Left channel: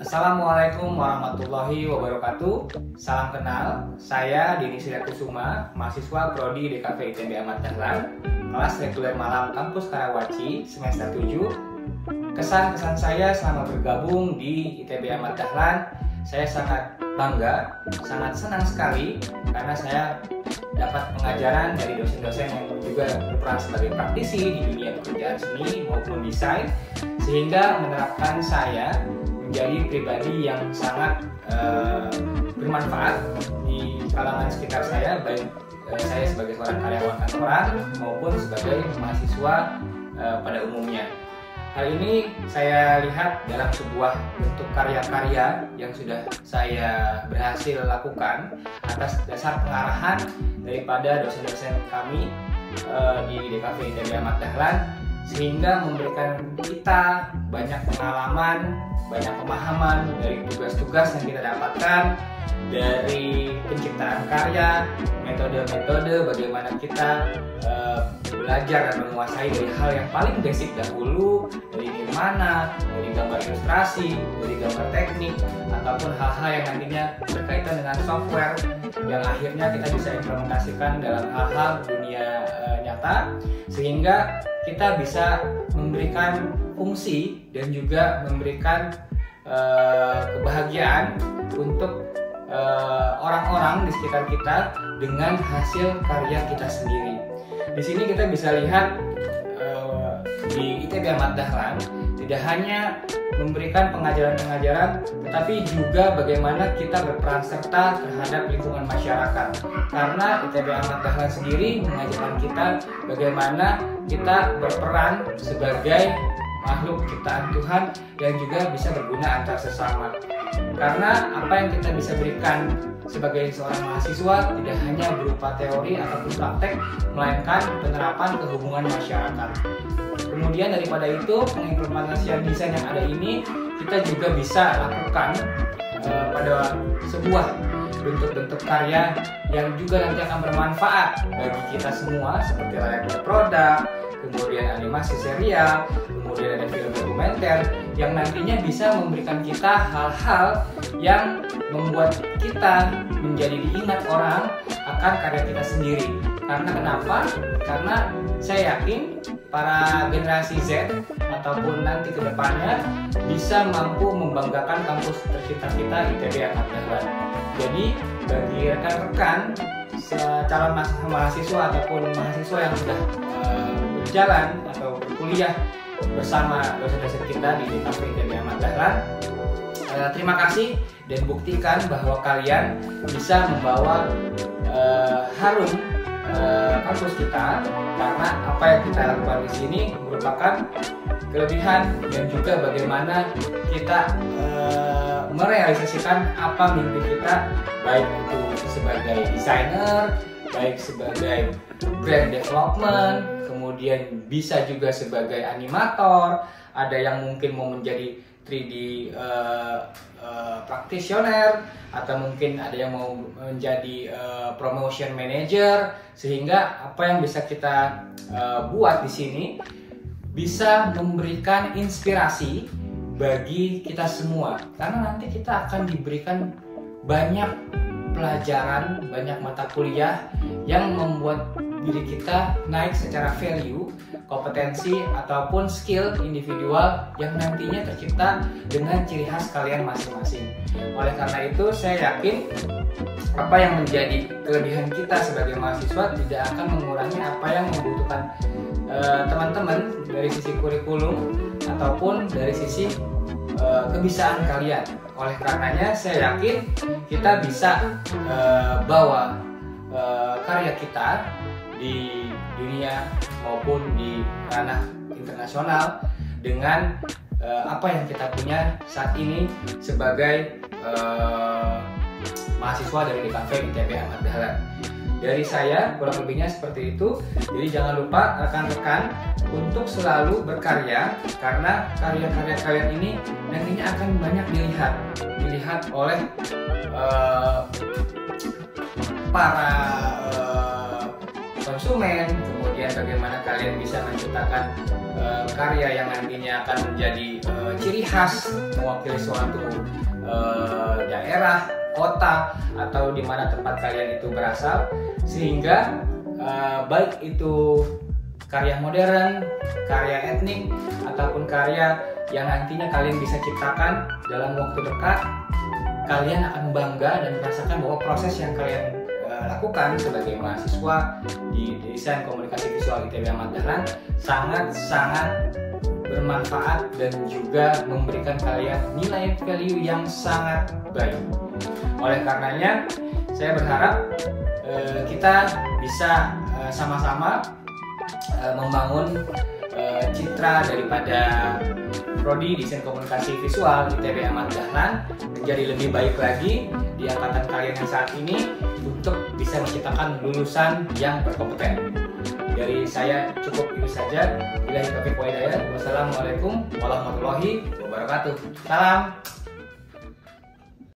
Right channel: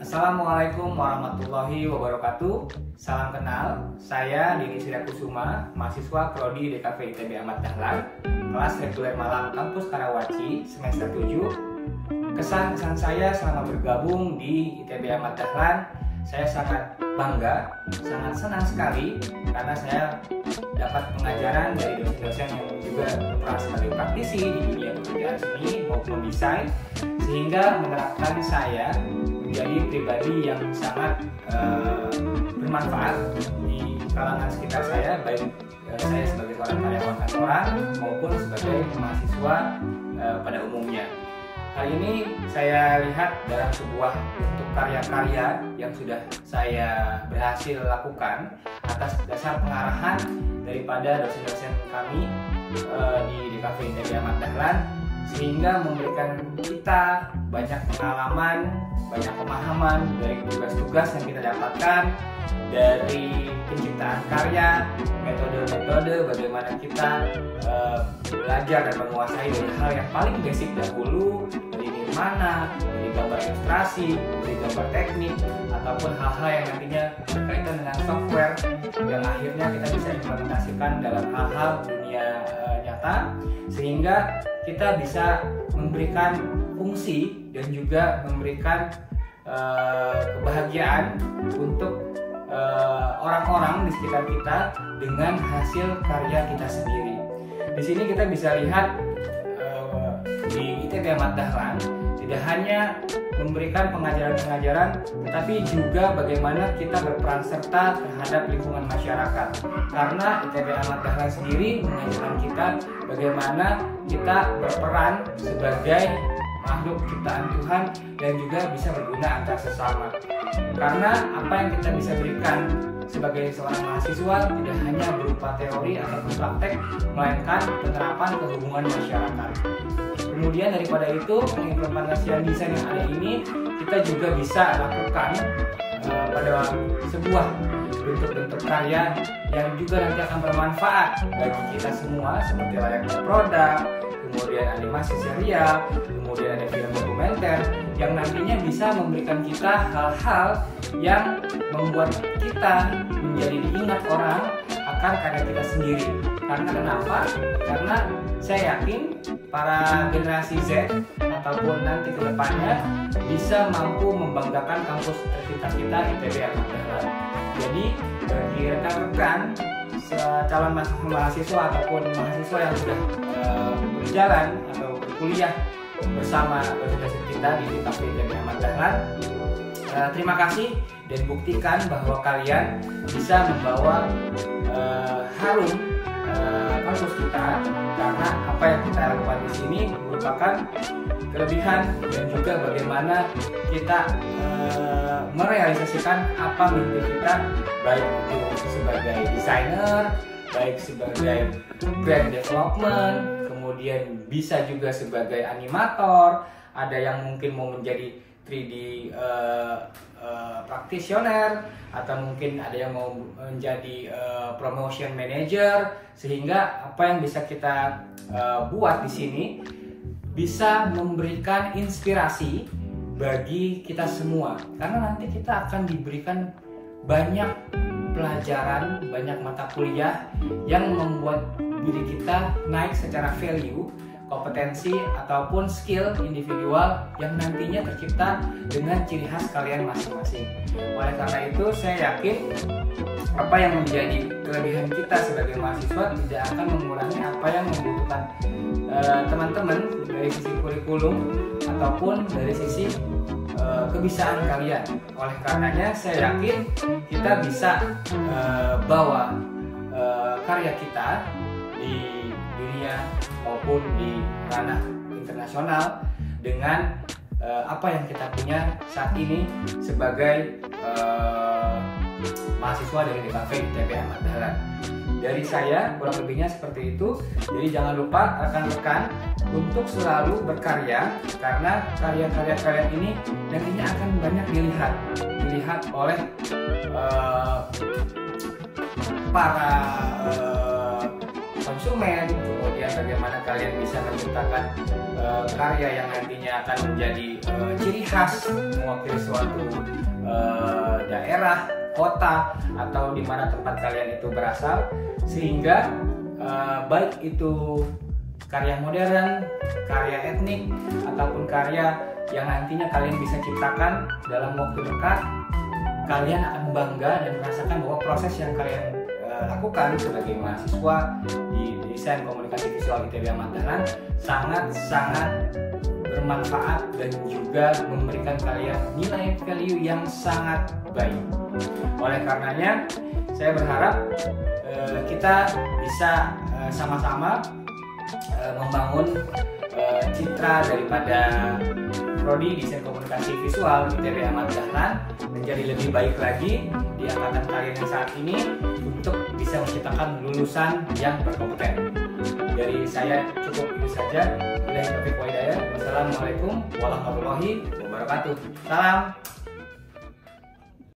Assalamualaikum warahmatullahi wabarakatuh. Salam kenal, saya Denny Sidakusuma, mahasiswa Prodi DKV ITB Ahmad Dahlan, kelas reguler malam kampus Karawaci, semester 7. Kesan-kesan saya selama bergabung di ITB Ahmad Dahlan, saya sangat bangga, sangat senang sekali karena saya dapat pengajaran dari dosen-dosen yang juga berperan sebagai praktisi di dunia pekerjaan seni maupun desain, sehingga menerapkan saya menjadi pribadi yang sangat bermanfaat di kalangan sekitar saya, baik saya sebagai seorang karyawan kantoran maupun sebagai mahasiswa pada umumnya. Hal ini saya lihat dalam sebuah bentuk karya-karya yang sudah saya berhasil lakukan atas dasar pengarahan daripada dosen-dosen kami di DKV ITB Ahmad Dahlan, sehingga memberikan kita banyak pengalaman, banyak pemahaman dari tugas-tugas yang kita dapatkan, dari penciptaan karya, metode-metode bagaimana kita belajar dan menguasai dari hal yang paling basic dahulu, dari nirmana, dari gambar ilustrasi, dari gambar teknik, ataupun hal-hal yang nantinya berkaitan dengan software yang akhirnya kita bisa implementasikan dalam hal-hal dunia nyata, sehingga kita bisa memberikan fungsi dan juga memberikan kebahagiaan untuk orang-orang di sekitar kita dengan hasil karya kita sendiri. Di sini kita bisa lihat di ITB Ahmad Dahlan tidak hanya memberikan pengajaran-pengajaran, tetapi juga bagaimana kita berperan serta terhadap lingkungan masyarakat. Karena ITB Ahmad Dahlan sendiri mengajarkan kita bagaimana kita berperan sebagai makhluk ciptaan Tuhan dan juga bisa berguna antar sesama. Karena apa yang kita bisa berikan sebagai seorang mahasiswa tidak hanya berupa teori ataupun praktek, melainkan penerapan kehubungan masyarakat. Kemudian daripada itu, pengimplementasian desain yang ada ini kita juga bisa lakukan pada sebuah bentuk-bentuk karya yang juga nanti akan bermanfaat bagi kita semua, seperti layaknya produk, kemudian animasi serial, kemudian ada film dokumenter yang nantinya bisa memberikan kita hal-hal yang membuat kita menjadi diingat orang akan karya kita sendiri. Karena kenapa? Karena saya yakin para generasi Z ataupun nanti ke depannya bisa mampu membanggakan kampus tercinta kita ITB Ahmad Dahlan. Jadi bagi rekan-rekan calon mahasiswa ataupun mahasiswa yang sudah berjalan atau berkuliah bersama dosen-dosen kita di kampus ITB Ahmad Dahlan, terima kasih dan buktikan bahwa kalian bisa membawa harum kampus kita, karena apa yang kita lakukan di sini merupakan kelebihan dan juga bagaimana kita merealisasikan apa mimpi kita, baik itu sebagai desainer, baik sebagai brand development, kemudian bisa juga sebagai animator, ada yang mungkin mau menjadi 3D practitioner, atau mungkin ada yang mau menjadi promotion manager, sehingga apa yang bisa kita buat di sini bisa memberikan inspirasi bagi kita semua, karena nanti kita akan diberikan banyak pelajaran, banyak mata kuliah yang membuat diri kita naik secara value, kompetensi ataupun skill individual yang nantinya tercipta dengan ciri khas kalian masing-masing. Oleh karena itu, saya yakin apa yang menjadi kelebihan kita sebagai mahasiswa tidak akan mengurangi apa yang membutuhkan teman-teman dari sisi kurikulum ataupun dari sisi kebisaan kalian. Oleh karenanya, saya yakin kita bisa bawa karya kita di dunia maupun di ranah internasional dengan apa yang kita punya saat ini sebagai mahasiswa dari DKV ITB Ahmad Dahlan. Dari saya kurang lebihnya seperti itu. Jadi jangan lupa rekan-rekan untuk selalu berkarya, karena karya-karya kalian ini nantinya akan banyak dilihat oleh para konsumen, kemudian bagaimana kalian bisa menciptakan karya yang nantinya akan menjadi ciri khas mewakili suatu daerah, kota, atau di mana tempat kalian itu berasal, sehingga baik itu karya modern, karya etnik, ataupun karya yang nantinya kalian bisa ciptakan dalam waktu dekat, kalian akan bangga dan merasakan bahwa proses yang kalian lakukan sebagai mahasiswa di desain komunikasi visual ITB Ahmad Dahlan sangat-sangat bermanfaat dan juga memberikan kalian nilai value yang sangat baik. Oleh karenanya, saya berharap kita bisa sama-sama membangun citra daripada Prodi Desain Komunikasi Visual ITB Ahmad Dahlan menjadi lebih baik lagi di angkatan kalian yang saat ini untuk bisa menciptakan lulusan yang berkompeten. Dari saya cukup itu saja. Wassalamualaikum warahmatullahi wabarakatuh. Salam.